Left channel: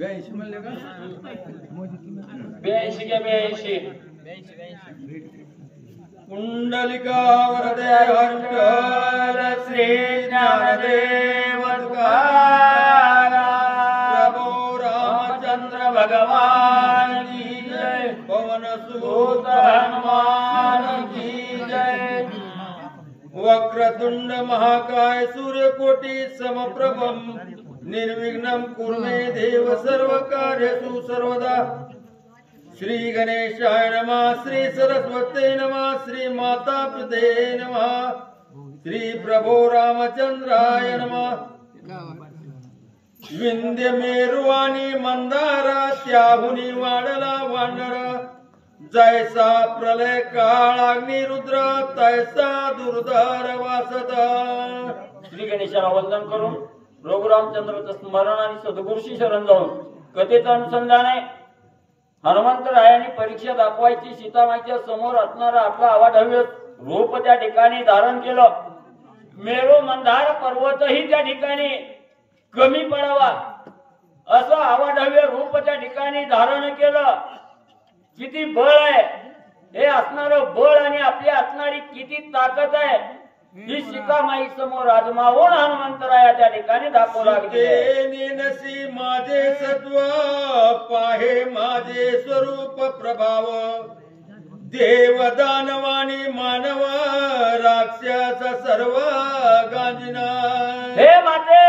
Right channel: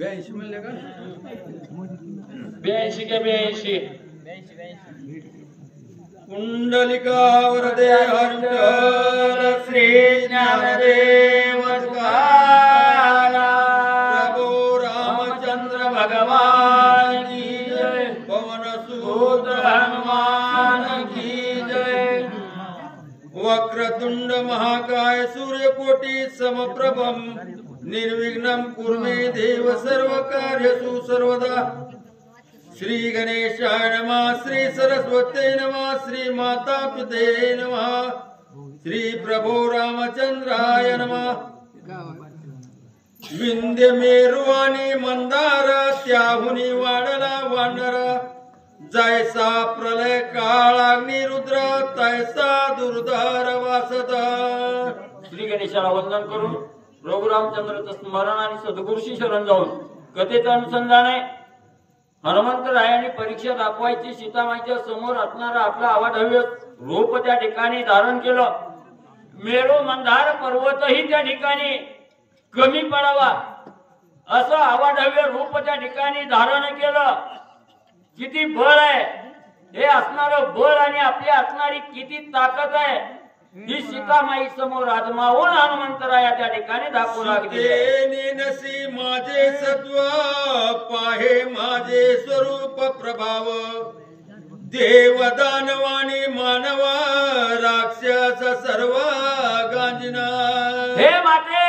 82 म्हणले का 82 के 82 कुंडलिका वरदे हरिहर श्री ज्ञानदेव प्रभु रामचंद्र भगवान की जय। पवन सुत हनुमान की जय। वक्रतुंड महाकाय सूर्यकोटि समप्रभम निर्विघ्नं कुरु मे देव सर्वकार्येषु सर्वदा। श्री गणेशाय नमः, श्री सरस्वती नमः, श्री माता पिते नमः, श्री प्रभो रामचंद्राय नमः। विंध्य मेरुवाणी मंदार त्याहुनी वाढला वानर जैसा प्रलय काळ अग्निरुद्र तैसा दुर्धर वासत। श्री गणेशाला वंदन करून प्रभू रामचंद्राचं स्मरण आणि सद्गुरूशी शरण जाऊन कथेचं अनुसंधान आहे। हनुमंतरायांनी परीक्षा दाखवायची सीतामाईच्या समोर असणारा आपला अवाढव्य रूप त्या ठिकाणी धारण केलं। मेरू मंदार पर्वतही त्या ठिकाणी कमी पडावा असं अवाढव्य रूप त्या ठिकाणी धारण केलं। किती बळ आहे हे असणारं बळ आणि आपली असणारी किती ताकद आहे ही सीतामाई समोर आजमावून हनुमंतराया त्या ठिकाणी दाखवू लागले। नसी माझे सत्व पाहे माझे स्वरूप प्रभाव देव दानवाणी मानव राक्षस सर्व गांजना। हे माते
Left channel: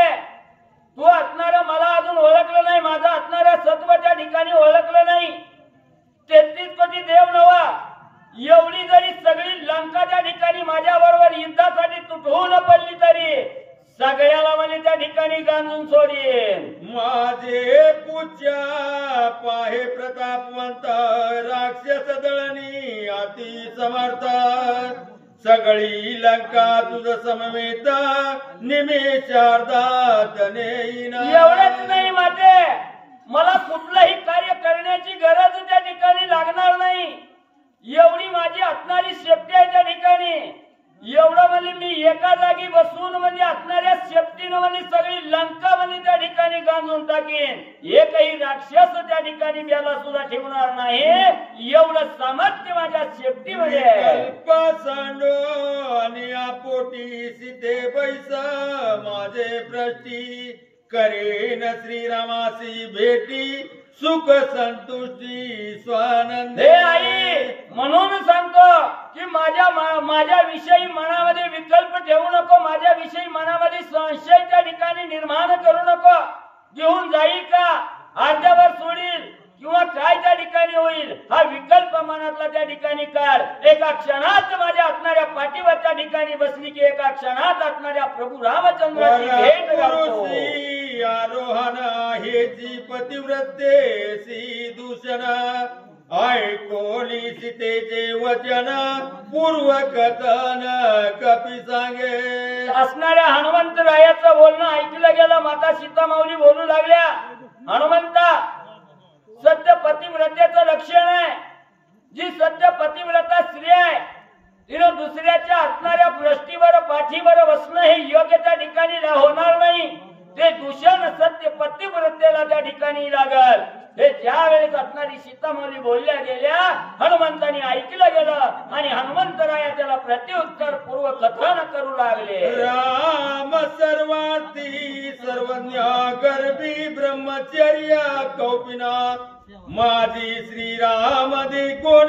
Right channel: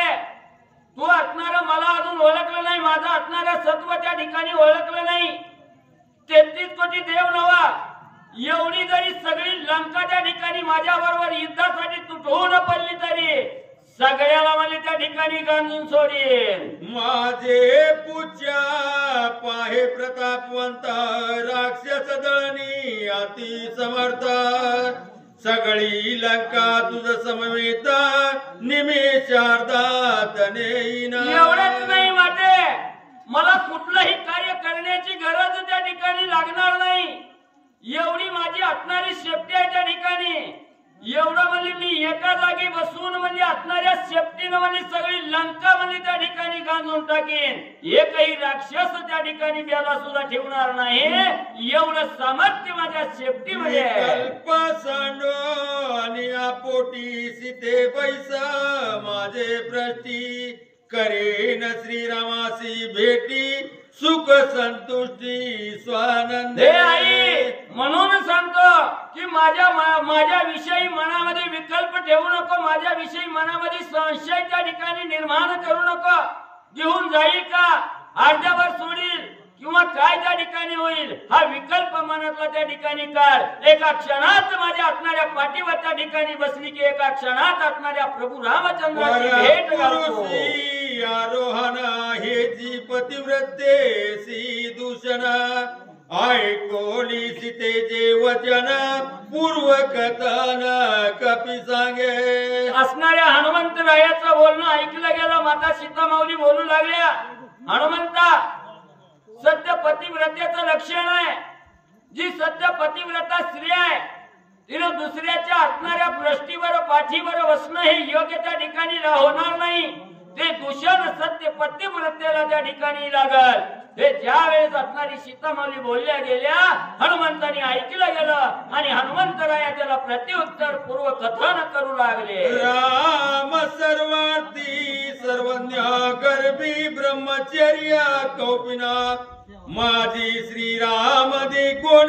तू असणार मला अजून ओळखलं नाही, माझं असणारं सत्व त्या ठिकाणी ओळखलं नाही। 33 कोटी देव नवा एवढी जरी सगळी लंका त्या ठिकाणी माझ्या बरोबर युद्धासाठी तुटून पडली तरी सगळ्याला मला त्या ठिकाणी गांजून सोडीन। माझे पूज्य पाहे प्रतापवंत राक्षस दळणी अति समर्थ सगळी लंका तुझ समवेत निमेषार्धात नेईन। एवढंच नाही माते मला कुठलंही कार्य करण्याची गरज त्या ठिकाणी लागणार नाही। एवढी माझी असणारी शेपटी आहे त्या ठिकाणी। एवढं म्हणजे मी एका जागी बसून म्हणजे असणाऱ्या शेपटीनं म्हणजे सगळी लंका म्हणजे त्या ठिकाणी गांजून टाकेन। एकही राक्षस त्या ठिकाणी बेलासुरा ठेवणार नाही एवढं सामर्थ्य माझ्या शेपटीमध्ये आहे। कल्प सांडो आणि आपोटी सीते बैस माझे भ्रष्टी करेन श्रीरामासी भेटी सुख संतुष्टी स्वानंद। हे आई म्हणून सांगतो की माझ्या विषयी मनामध्ये विकल्प ठेवू नको, माझ्या विषयी मनामध्ये संशय त्या ठिकाणी निर्माण करू नको। घेऊन जाईल का अर्ध्यावर सोडील किंवा काय त्या ठिकाणी होईल हा विकल्प मनातला त्या ठिकाणी काढ। एका क्षणात माझ्या असणाऱ्या पाठीवर त्या ठिकाणी बसली की एका क्षणात असणाऱ्या प्रभू रामचंद्राची भेट घालतो। आरोहण हे जी पतिव्रतेसी दूषण ऐकोली सीतेचे वचन पूर्व कथन कपी सांगे। असणाऱ्या हनुमंतरायाचं बोलणं ऐकलं गेलं। माता सीतामाऊली बोलू लागल्या हनुमंता सत्य पतिव्रतेचं लक्षण आहे। जी सत्य पतिव्रता स्त्री आहे तिने दुसऱ्याच्या असणाऱ्या भ्रष्टीवर पाठीवर बसणं हे योग्य त्या ठिकाणी होणार नाही। ते दूषण सत्य पतिव्रतेला त्या ठिकाणी लागल। हे ज्या वेळेस असणारी सीतामाऊली बोलल्या गेल्या हनुमंतांनी ऐकलं गेलं आणि हनुमंतराया त्याला प्रत्युत्तर पूर्व कथन करू लागले। राम सर्वार्थी सर्वज्ञ गर्भी ब्रह्मचर्य कौपिना माझी श्रीराम दे कोण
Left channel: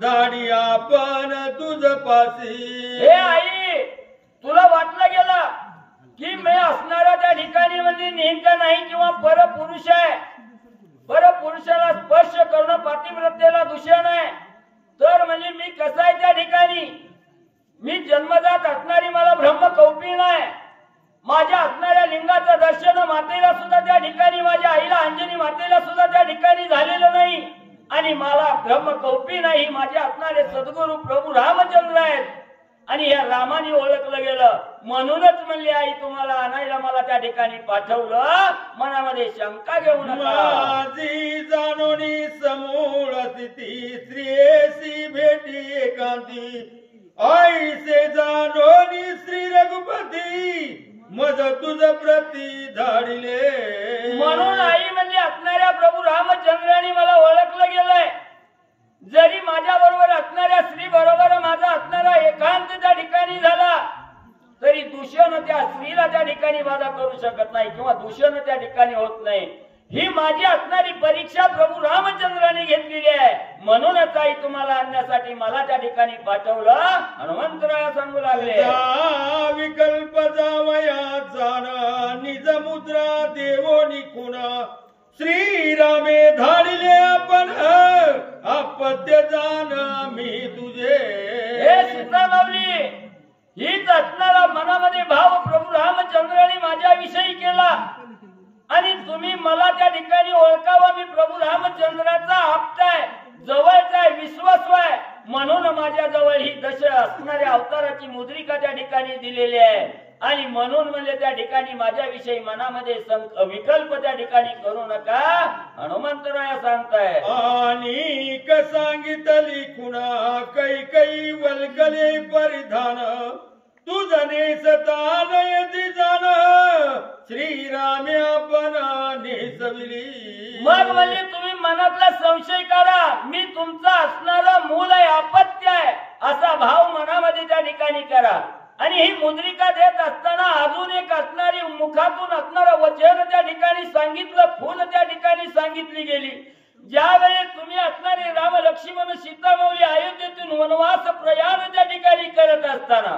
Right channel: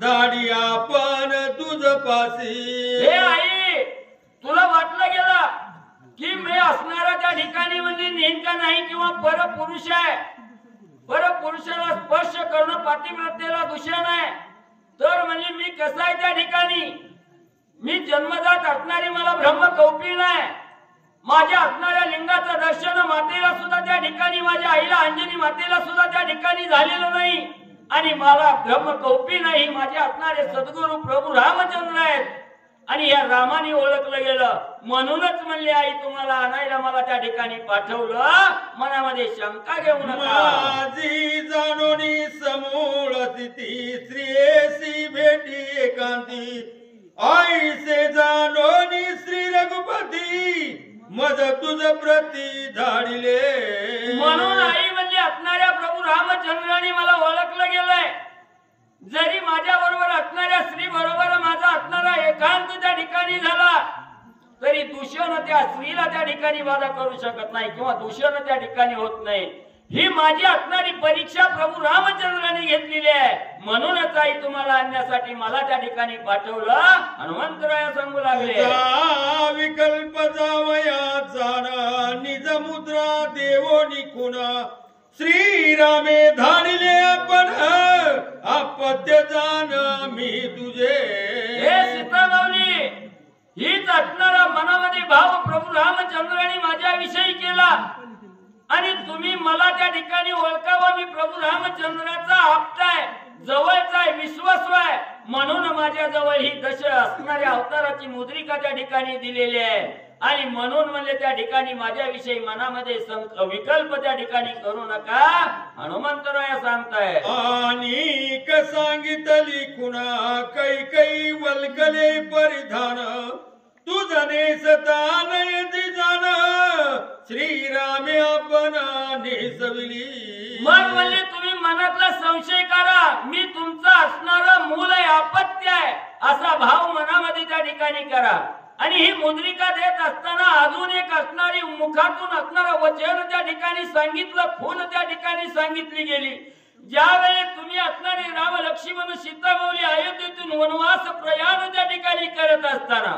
दाढी आपण तुझ पासी। हे आई तुला वाटलं गेलं की मी असणाऱ्या त्या ठिकाणी म्हणजे नेमका नाही किंवा परपुरुष आहे, परपुरुषाला स्पर्श करणं पातिव्रतेला दूषण आहे तर म्हणजे मी कसा आहे त्या ठिकाणी। मी जन्मजात असणारी मला ब्रह्म कौपीन आहे। माझ्या असणाऱ्या लिंगाचं दर्शन मातेला सुद्धा त्या ठिकाणी माझ्या आईला अंजनी मातेला सुद्धा त्या ठिकाणी झालेलं नाही आणि मला ब्रह्म कौपीन आहे माझे असणारे सद्गुरू प्रभू रामचंद्र आहेत आणि या रामाने ओळखलं गेलं। म्हणूनच म्हणले आई तुम्हाला आणायला मला त्या ठिकाणी पाठवलं, मनामध्ये शंका घेऊ नका। माझी जाणोनी समूळ स्थिती श्रीयसी भेटी एकांती ऐसे जाणोनी श्री रघुपती मज तुझ प्रती धाडिले. म्हणून आई म्हणली असणाऱ्या प्रभू रामचंद्राने मला ओळखलं गेलंय. जरी माझ्या बरोबर असणाऱ्या स्त्री बरोबर माझा असणारा एकांत त्या ठिकाणी झाला तरी दूषण त्या स्त्रीला त्या ठिकाणी बाधा करू शकत नाही किंवा दूषण त्या ठिकाणी होत नाही. ही माझी असणारी परीक्षा प्रभू रामचंद्राने घेतलेली आहे. म्हणूनच आई तुम्हाला आणण्यासाठी मला त्या ठिकाणी पाठवलं. हनुमंतराया सांगू लागले विकल्प जावया जाना निज मुद्रा देवोनी खुना श्रीरामे धाडिले आपण अपत्य जाण मी तुझे. हे सीता माऊली हीच असणारा मनामध्ये भाव प्रभू रामचंद्राने माझ्याविषयी केला आणि तुम्ही मला त्या ठिकाणी ओळखावा. मी प्रभू रामचंद्राचा आप्त आहे, जवळचा आहे, विश्वासू आहे. म्हणून माझ्या जवळ ही दश असणाऱ्या अवताराची मुद्रिका त्या ठिकाणी दिलेली आहे. आणि म्हणून म्हणले त्या ठिकाणी माझ्याविषयी मनामध्ये विकल्प त्या ठिकाणी करू नका. हनुमंतराया सांगताय आणि सांगितली खुणा कै वल्कले परिधान तुझने सतानय जाण श्रीरामे आपण नेसविली. मग म्हणले तुम्ही मनातला संशय करा. मी तुमचा असणारा मूल आहे, अपत्य आहे असा भाव मनामध्ये त्या ठिकाणी करा. आणि ही मुद्रिका देत असताना अजून एक असणारी मुखातून असणारं वचन त्या ठिकाणी सांगितलं, खून त्या ठिकाणी सांगितली गेली. ज्यावेळी तुम्ही असणारे राम लक्ष्मण सीता माऊली अयोध्येतून वनवास प्रयाण त्या ठिकाणी करत असताना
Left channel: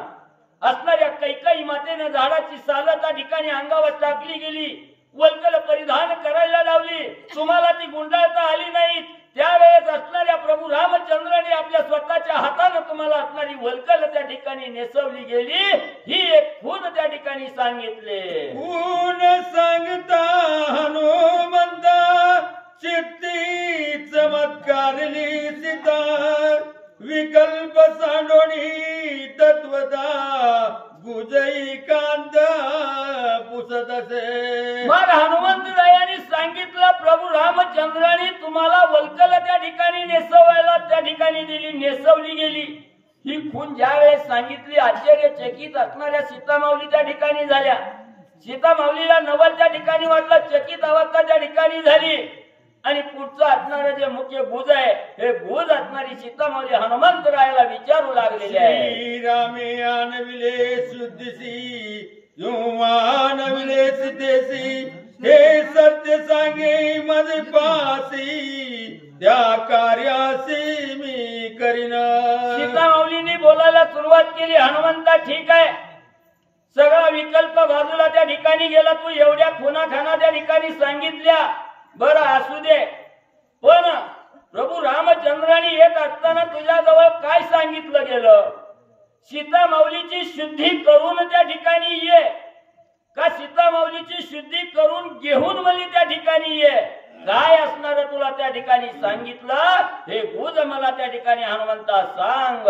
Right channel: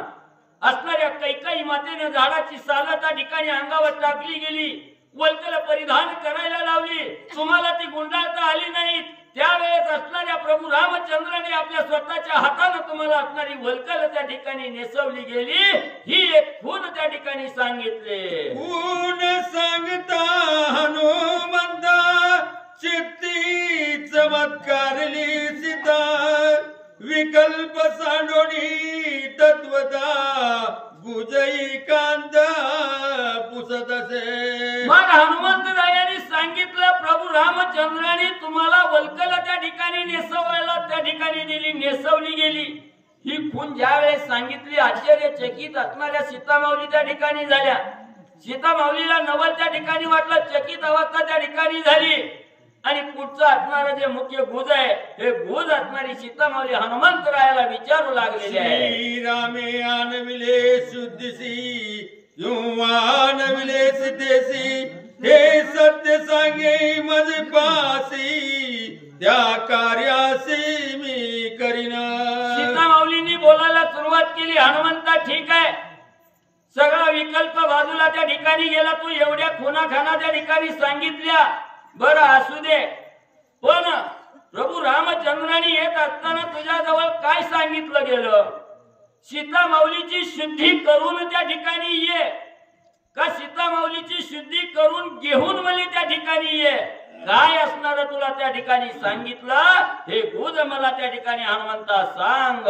असणाऱ्या कैकेयी मातेने झाडाची साल त्या ठिकाणी अंगावर टाकली गेली, वल्कल परिधान करायला लावली, तुम्हाला ती गुंडाळता आली नाही. त्यावेळेस असणाऱ्या प्रभू रामचंद्राने आपल्या स्वतःच्या हाताने तुम्हाला असणारी वल्कल त्या ठिकाणी नेसवली गेली. ही एक खून त्या ठिकाणी सांगितले. खून सांगता हनुमंत चित्ती चमत्कारली सीता विकल्प सांडोणी तत्वता गुजई कांत पुसत असे. मग हनुमंतरायांनी सांगितलं प्रभू रामचंद्राने तुम्हाला वल्कल त्या ठिकाणी नेसवायला त्या ठिकाणी दिली, नेसवली गेली. ही खून ज्या वेळेस सांगितली आश्चर्यचकित असणाऱ्या सीता माऊली त्या ठिकाणी झाल्या. सीता माऊलीला नवल त्या ठिकाणी वाटलं, चकित अवस्था त्या ठिकाणी झाली. आणि पुढचं असणारं जे मुख्य गुज आहे हे गुज असणारी सीता माऊली हनुमंतरायाला विचारू लागलेले आहे. श्रीरामे आणविले शुद्धीसी आणविले सिद्धेसी हे सत्य सांगे माझे पासी त्या कार्यासी मी करीना. सीता माऊलींनी बोलायला सुरुवात केली. हनुमंता ठीक आहे, सगळा विकल्प बाजूला त्या ठिकाणी गेला. तू एवढ्या खुनाखाना त्या ठिकाणी सांगितल्या, बरं असू दे. पण प्रभू रामचंद्राने येत असताना तुझ्याजवळ काय सांगितलं गेलं? सीता माऊलीची शुद्धी करून त्या ठिकाणी ये का सीता माऊलीची शुद्धी करून घेऊन मला त्या ठिकाणी ये? काय असणार तुला त्या ठिकाणी सांगितलं हे गुज मला त्या ठिकाणी हनुमंता सांग.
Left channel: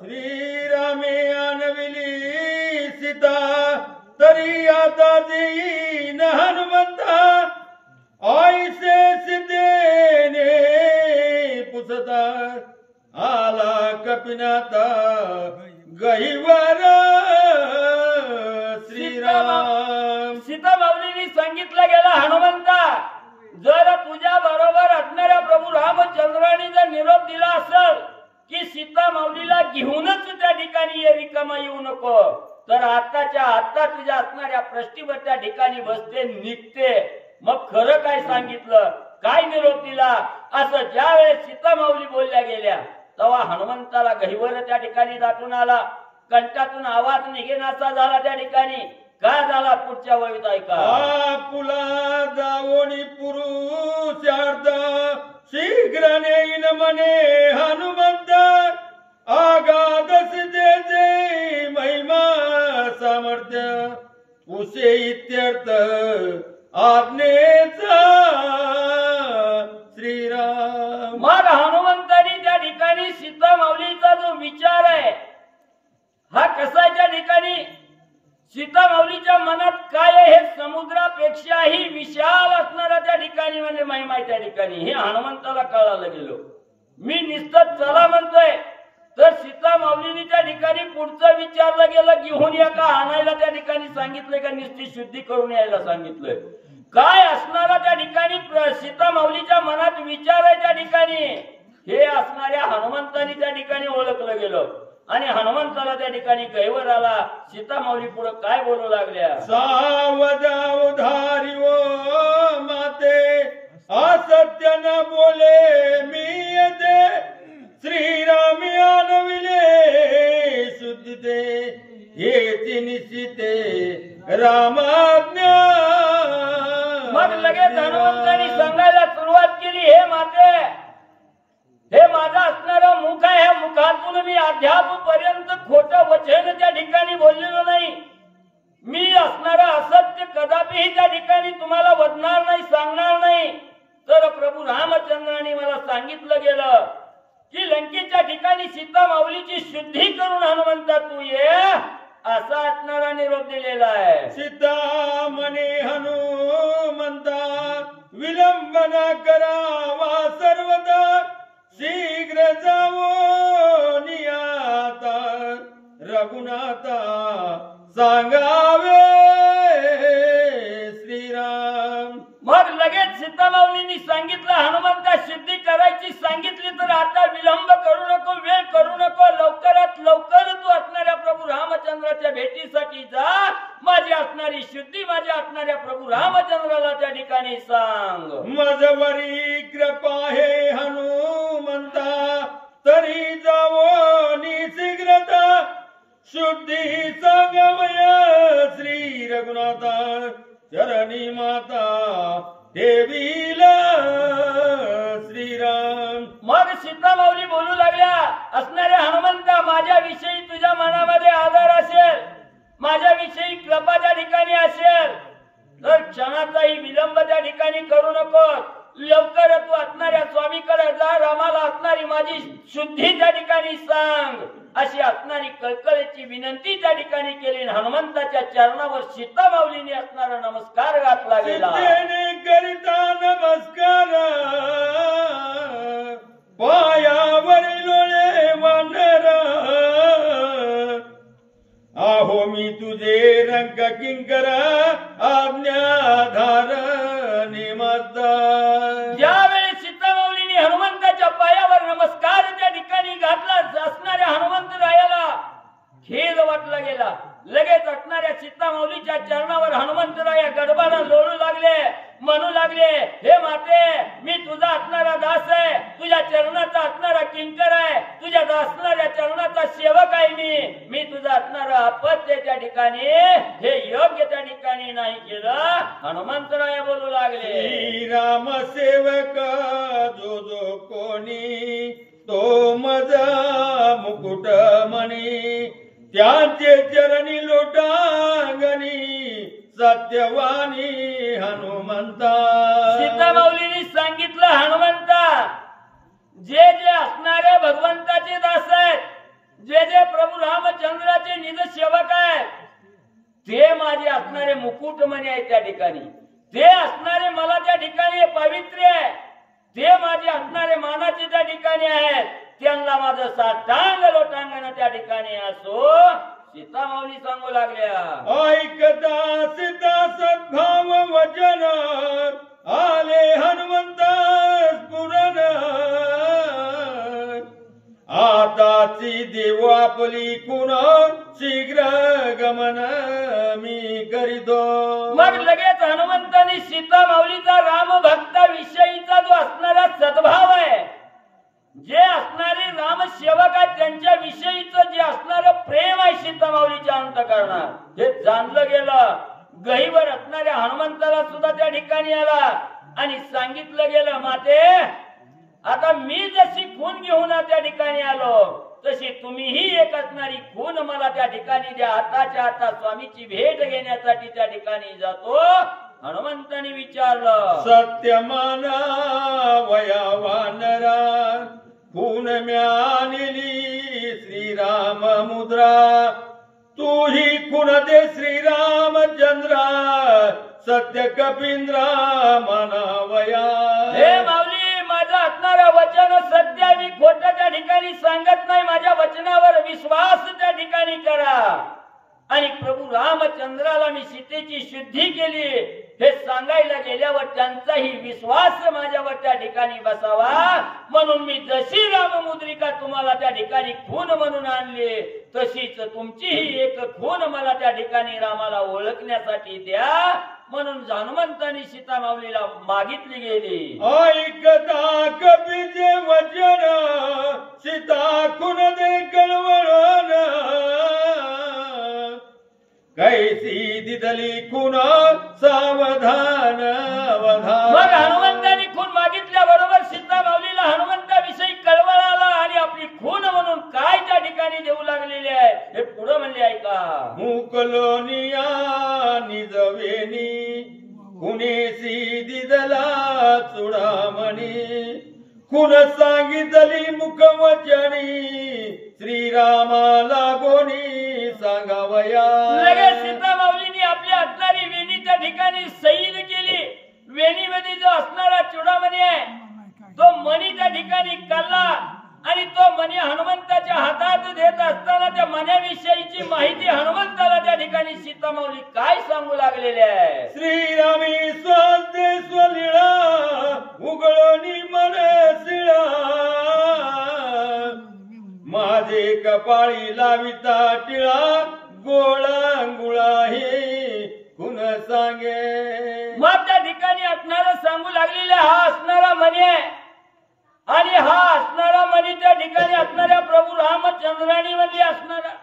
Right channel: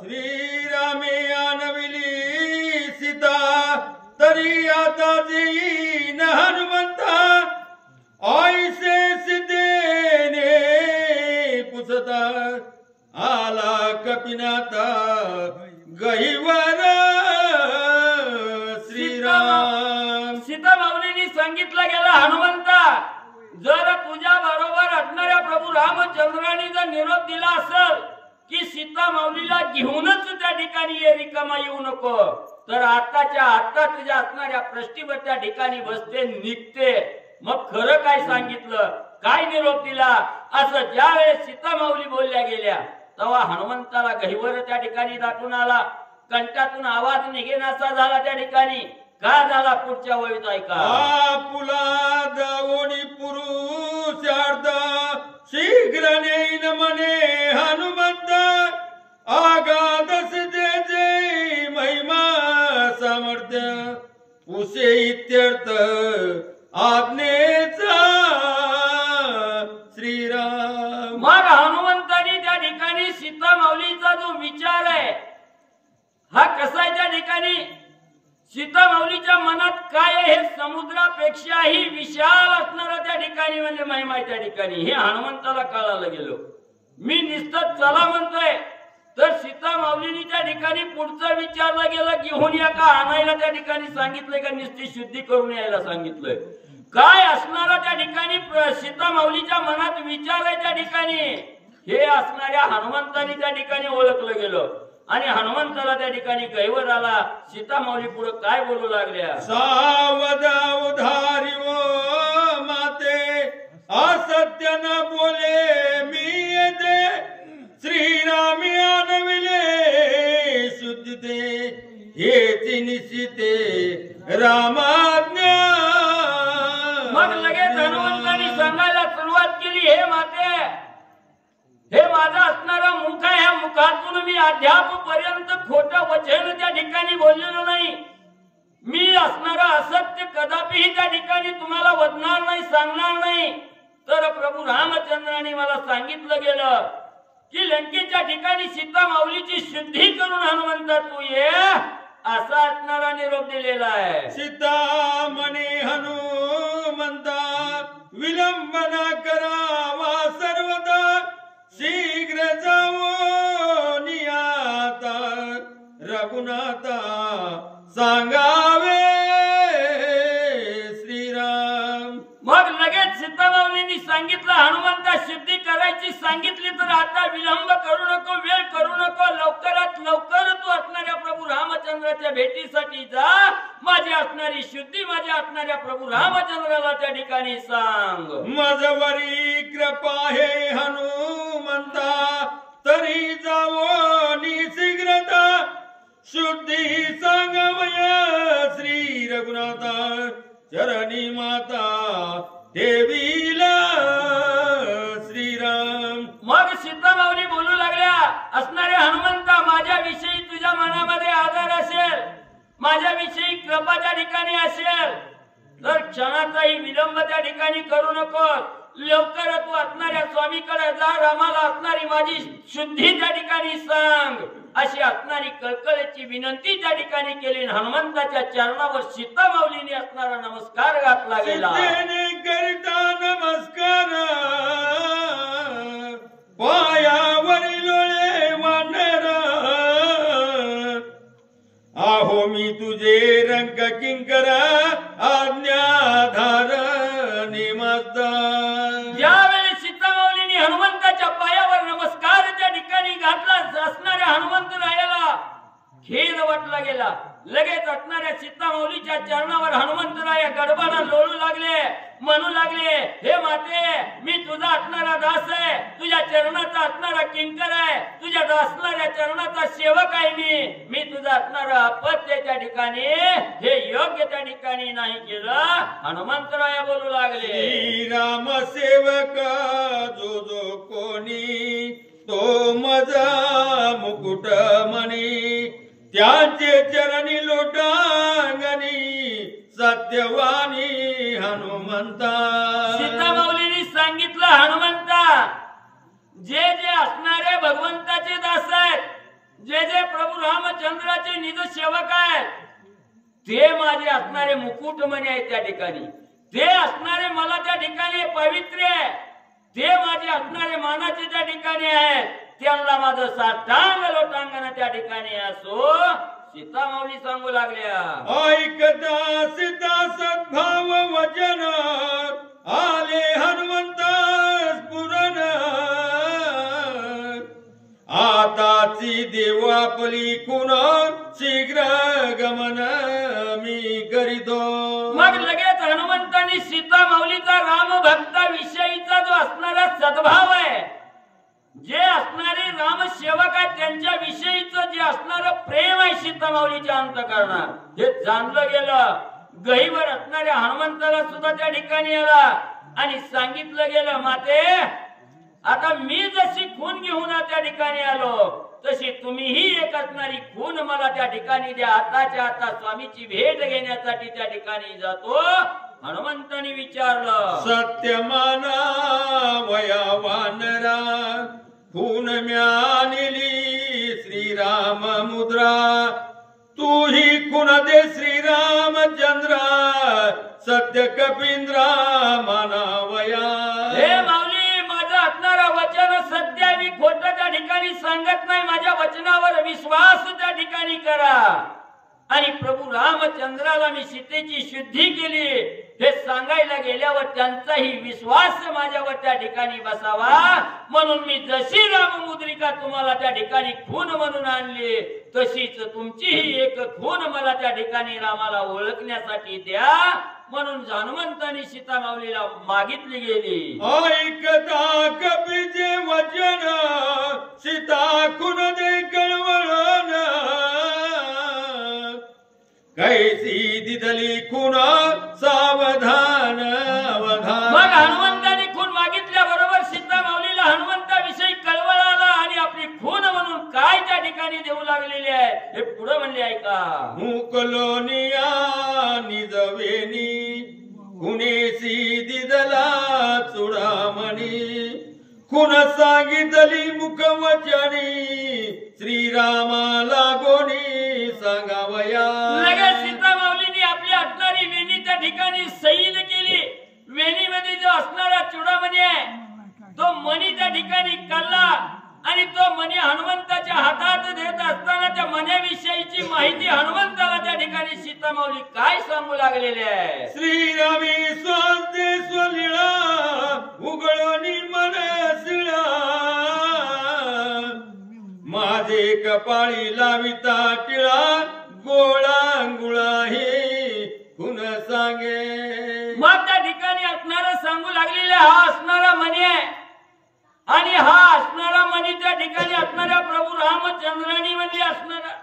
श्रीरामे आणविली सीता तरी आता देईन हनुमंता ऐसे सिद्धेने पुसता आला कपिनाथा गहिवर श्रीराम. सीता माऊलींनी सांगितलं गेलं हनुमंता जर तुझ्या बरोबर असणाऱ्या प्रभू रामचंद्राने जर निरोप दिला असेल की सीता माऊलीला घेऊनच त्या ठिकाणी ये, रिकामा येऊ नको, तर आताच्या आता तुझ्या असणाऱ्या प्रश्नीवर त्या ठिकाणी बसते, निघते. मग खरं काय सांगितलं, काय निरोप दिला असं ज्या वेळेस सीता माऊली बोलल्या गेल्या तेव्हा हनुमंताला गहिवर त्या ठिकाणी दाटून आला. कंठातून आवाज निघेनासा झाला त्या ठिकाणी. का झाला पुढच्या वळीत ऐका. पुला दावोनी पुरुष शीघ्र नेईन मने हनुमंत आगादस जे जे महिमा सामर्थ्य उसे इत्यर्थ आज्ञेचा श्रीराम. मग हनुमंतानी त्या ठिकाणी सीता माऊलीचा जो विचार आहे हा कसा आहे त्या ठिकाणी, सीता माऊलीच्या मनात काय आहे हे समुद्रापेक्षाही विशाल असणारा त्या ठिकाणी म्हणजे महिमा आहे त्या ठिकाणी. हे हनुमंताला कळायला गेलो. मी निश्चित चला म्हणतोय तर सीता माऊलीनी त्या ठिकाणी पुढचं विचारलं गेलं, घेऊन या का आणायला त्या ठिकाणी सांगितलंय का नुसती शुद्धी करून यायला सांगितलंय? काय असणारा त्या ठिकाणी सीता माऊलीच्या मनात विचार आहे त्या ठिकाणी, हे असणाऱ्या हनुमंतानी त्या ठिकाणी ओळखलं गेलं. आणि हनुमंताला त्या ठिकाणी गैवर आला. सीता माऊली पुढे काय बोलू लागल्या? सावधारी ओ माते, असत्य न बोले मी येते, श्रीरामी आणविले शुद्धते, हेची निश्चिते रामाज्ञा. मग लगेच हनुमंतांनी सांगायला सुरुवात केली, हे माते, हे माझा असणारा मुख आहे, ह्या मुखातून मी अद्यापपर्यंत खोटं वचन त्या ठिकाणी बोललेलो नाही. मी असणारा असत्य कदापिही त्या ठिकाणी तुम्हाला वदणार नाही, सांगणार नाही. तर प्रभू रामचंद्रांनी मला सांगितलं गेलं की लंकेच्या ठिकाणी सीता माऊलीची शुद्धी करून हनुमंता तू ये, असा असणारा निरोप दिलेला आहे. सीता म्हणे हनुमंता, विलंब न करावा सर्वदा, शीघ्र जावो नियाता, रघुनाथा सांगावे श्रीराम. मग लगेच सीता माऊलींनी सांगितलं, हनुमंता शुद्धी करायची सांगितली तर आता विलंब करू नको, वेळ करू नको, लवकरात लवकर तू असणाऱ्या प्रभू रामचंद्राच्या भेटीसाठी जा. माझी असणारी शुद्धी माझ्या असणाऱ्या प्रभू रामचंद्राला त्या ठिकाणी सांग. मजवरी कृपा हे हनुमंता, तरी जावो शीघ्रता, शुद्धी सांगवय श्री रघुनाथा, चरणी माता देवीला श्रीराम. मग सीता माऊली बोलू लागल्या, असणाऱ्या हनुमंता, माझ्याविषयी तुझ्या मनामध्ये आदर असेल, माझ्याविषयी कृपा त्या ठिकाणी असेल तर क्षणाचाही विलंब त्या ठिकाणी करू नको, लवकर तू असणाऱ्या स्वामीकडे जा, रामाला असणारी माझी शुद्धी त्या ठिकाणी सांग, अशी असणारी कळकळीची विनंती त्या ठिकाणी केली. हनुमंताच्या चरणावर सीता माऊलीने असणारा नमस्कार घातला गेला. करिता नमस्कार, पायावरी लोळे वानर, आहो मी तुझे रंग किंकर, आज्ञाधार निमदार. ज्यावेळी सीता माऊलीने हनुमंताच्या पायावर नमस्कार त्या ठिकाणी घातला, असणाऱ्या हनुमंतरायाला खेद वाटला गेला. लगेच असणाऱ्या सीता माऊलीच्या चरणावर हनुमंतराया गडबड लोळू लागले, म्हणू लागले, हे माते, मी तुझा असणारा दास आहे, तुझ्या चरणाचा असणारा किंकर आहे, तुझ्या असणाऱ्या चरणाचा सेवक आहे. मी तुझा असणारा अपत्य त्या ठिकाणी हे योग्य त्या ठिकाणी नाही केलं. हनुमंतराया बोलू लागले, राम सेवक जो जो कोणी, तो मजा मुकुट मणी, त्यांचे चरणी लोटांगणी, सत्यवानी हनुमंता. सीता माऊलीने सांगितलं, हनुमंता, जे जे असणारे भगवंताचे दास आहेत, जे जे प्रभू रामचंद्राचे निज सेवक आहेत, ते माझे असणारे मुकुटमणी आहेत त्या ठिकाणी, ते असणारे मला त्या ठिकाणी पवित्र आहे, ते माझे असणारे मानाचे त्या ठिकाणी आहेत, त्यांना माझं साष्टांग लोटांगण त्या ठिकाणी असो. सीता माऊली सांगू लागल्या, ऐकता सीता सद्भाव वचन, आले हनुमंत स्फुरण, आताची देव आपली कुण, शीघ्र गमन मी करीतो. मग लगेच हनुमंतांनी सीता माऊलीचा राम भक्ता विषयीचा जो असणारा सद्भाव आहे, जे असणारे राम सेवक आहेत त्यांच्या विषयीचं जे असणारं प्रेम आहे सीता माऊलीच्या अंतःकरणात, हे जाणलं गेलं. गहिवर असणाऱ्या हनुमंताला सुद्धा त्या ठिकाणी आला आणि सांगितलं गेलं, माते, आता मी जशी खून घेऊन त्या ठिकाणी आलो, तशी तुम्हीही एक असणारी खून मला त्या ठिकाणी द्या. आताच्या आता स्वामीची भेट घेण्यासाठी त्या ठिकाणी जातो. हनुमंतांनी विचारलं, सत्यमाना वया वानरा, खून म्यानिली श्रीराम मुद्रा, तू ही खून दे श्रीरामचंद्रा, सत्य कपिंद्रा मानावया. हे माऊली, माझा असणारा वचन सत्य आहे, मी खोट त्या ठिकाणी सांगत नाही, माझ्या वचनावर विश्वास त्या ठिकाणी करा. आणि प्रभू रामचंद्राला मी सीतेची शुद्धी केली हे सांगायला गेल्यावर त्यांचाही विश्वास माझ्यावर त्या ठिकाणी बसावा, म्हणून मी जशी राममुद्रिका तुम्हाला त्या ठिकाणी खून म्हणून आणली तशीच तुमचीही एक खून मला त्या ठिकाणी रामाला ओळखण्यासाठी द्या, म्हणून हनुमंतांनी सीता माऊलीला मागितली गेली. ऐकता कपीचे वचन सीता खुन दे कळवळण, कैसी दिदली खुन सावधान अवधान. मग हनुमंतांनी खून मागितल्या बरोबर सीता माऊलीला हनुमंताविषयी कळवळ आला आणि आपली खून म्हणून काय त्या ठिकाणी देऊ लागलेले आहे हे पुढे म्हणले ऐका. मुकलोनिया निजवेनी कुणेसी दिदला चुडामणी, खुन सांगितली मुखवचनी श्रीरामाला गोनी सांगावया. लगेच सीता माऊलीने आपली असणारी वेणी त्या ठिकाणी सैल केली. वेणीमध्ये जो असणारा चुडामणी आहे तो मणी त्या ठिकाणी काढला आणि तो मणी हनुमंताच्या हातात देत असताना त्या मण्याविषयीची माहिती हनुमंताला त्या ठिकाणी सीता माऊली काय सांगू लागलेले आहे. श्रीरामी स्वादे स्वलीळा उघडोनी मन शिळा, माझे कपाळी लाविता टिळा गोळा गुळा हे खुन सांगे. मग त्या ठिकाणी असणारा सांगू लागलेले हा असणारा मणी आहे आणि हा असणारा मणी त्या ठिकाणी असणाऱ्या प्रभू रामचंद्रानी म्हणजे असणारा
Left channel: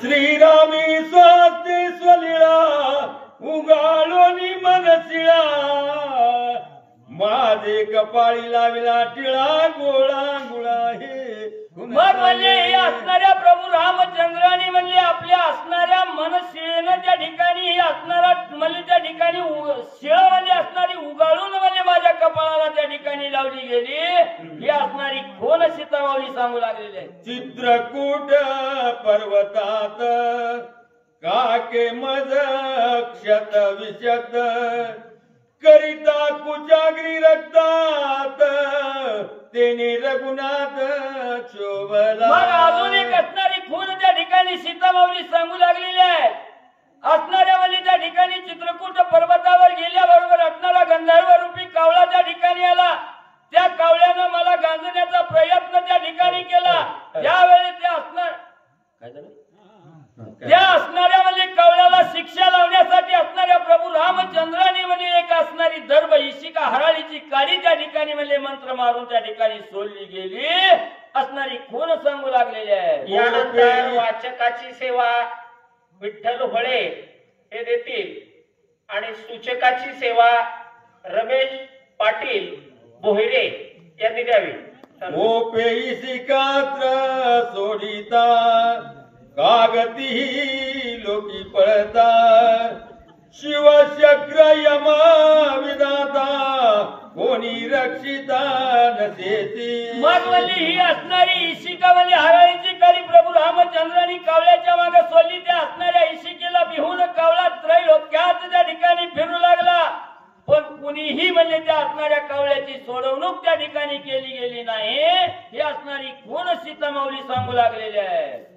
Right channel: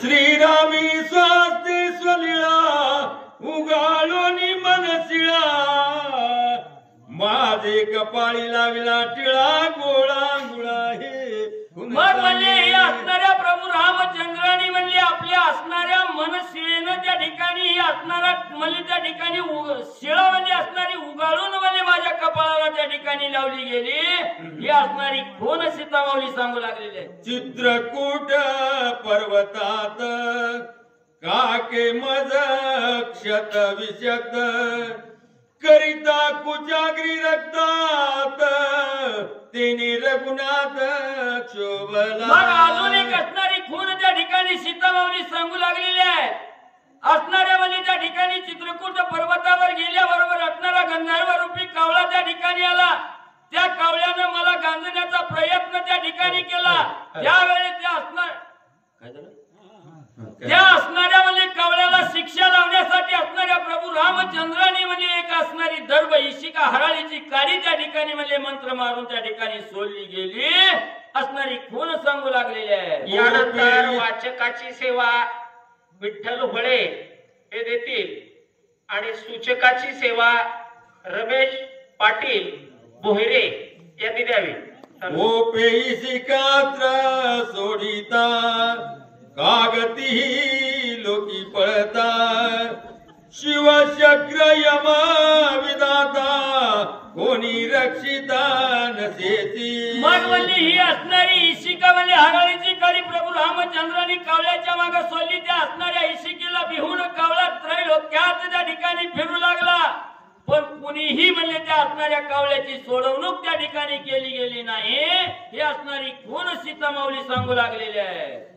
श्रीरामी स्वास्ते स्वलीळा उगाळोनी मनशिळा, माझे कपाळी लाविला टिळा गोळा गुळा हे. मग म्हणजे हे असणाऱ्या प्रभू रामचंद्रानी म्हणजे आपल्या असणाऱ्या मनशिळेनं त्या ठिकाणी ही असणारा म्हणजे त्या ठिकाणी शिळा म्हणजे असणारी उगाळून म्हणजे माझ्या कपाळाला त्या ठिकाणी लावली गेली ही असणारी खोन सीता माऊली सांगू लागलेली आहे. चित्रकूट पर्वतात काके मज क्षत विषक्त, करिता कुजाग्री रक्तात तेने रघुनाथ शोभला. मग अजून एक असणारी खून त्या ठिकाणी सीता माऊली सांगू लागलेली आहे. असणाऱ्या म्हणजे त्या ठिकाणी चित्रकूट पर्वतावर गेल्याबरोबर असणारा गंधर्व रूपी कावळा त्या ठिकाणी आला. त्या कावळ्यानं मला गांजण्याचा प्रयत्न त्या ठिकाणी केला. त्यावेळी त्या असणार काय झालं त्या असणाऱ्या म्हणजे कावळ्याला शिक्षा लावण्यासाठी असणाऱ्या प्रभू रामचंद्रानी म्हणजे एक असणारी दर्भ इशिका हराळीची काडी त्या ठिकाणी म्हणजे मंत्र मारून त्या ठिकाणी सोडली गेली असणारी खून सांगू लागलेली आहे. यानंतर वाचकाची सेवा विठ्ठल होळे हे देतील आणि सूचकाची सेवा रमेश पाटील बोहिरे यांनी द्यावी. ओ पेईशिकात्र सोडिता कागती लोकी पळता, शिवचक्र यमा विधाता कोणी रक्षिता नसेती. मग म्हणजे ही असणारी इशिका म्हणजे हराळीची काडी प्रभू रामचंद्रानी कावळ्याच्या मागे सोडली. त्या असणाऱ्या इशिकेला बिहून कावळा त्रैलोक्यात त्या ठिकाणी फिरू लागला, पण कुणीही म्हणजे त्या असणाऱ्या कावळ्याची सोडवणूक त्या ठिकाणी केली गेली नाही. ही असणारी खून सीता माऊली सांगू लागलेली आहे.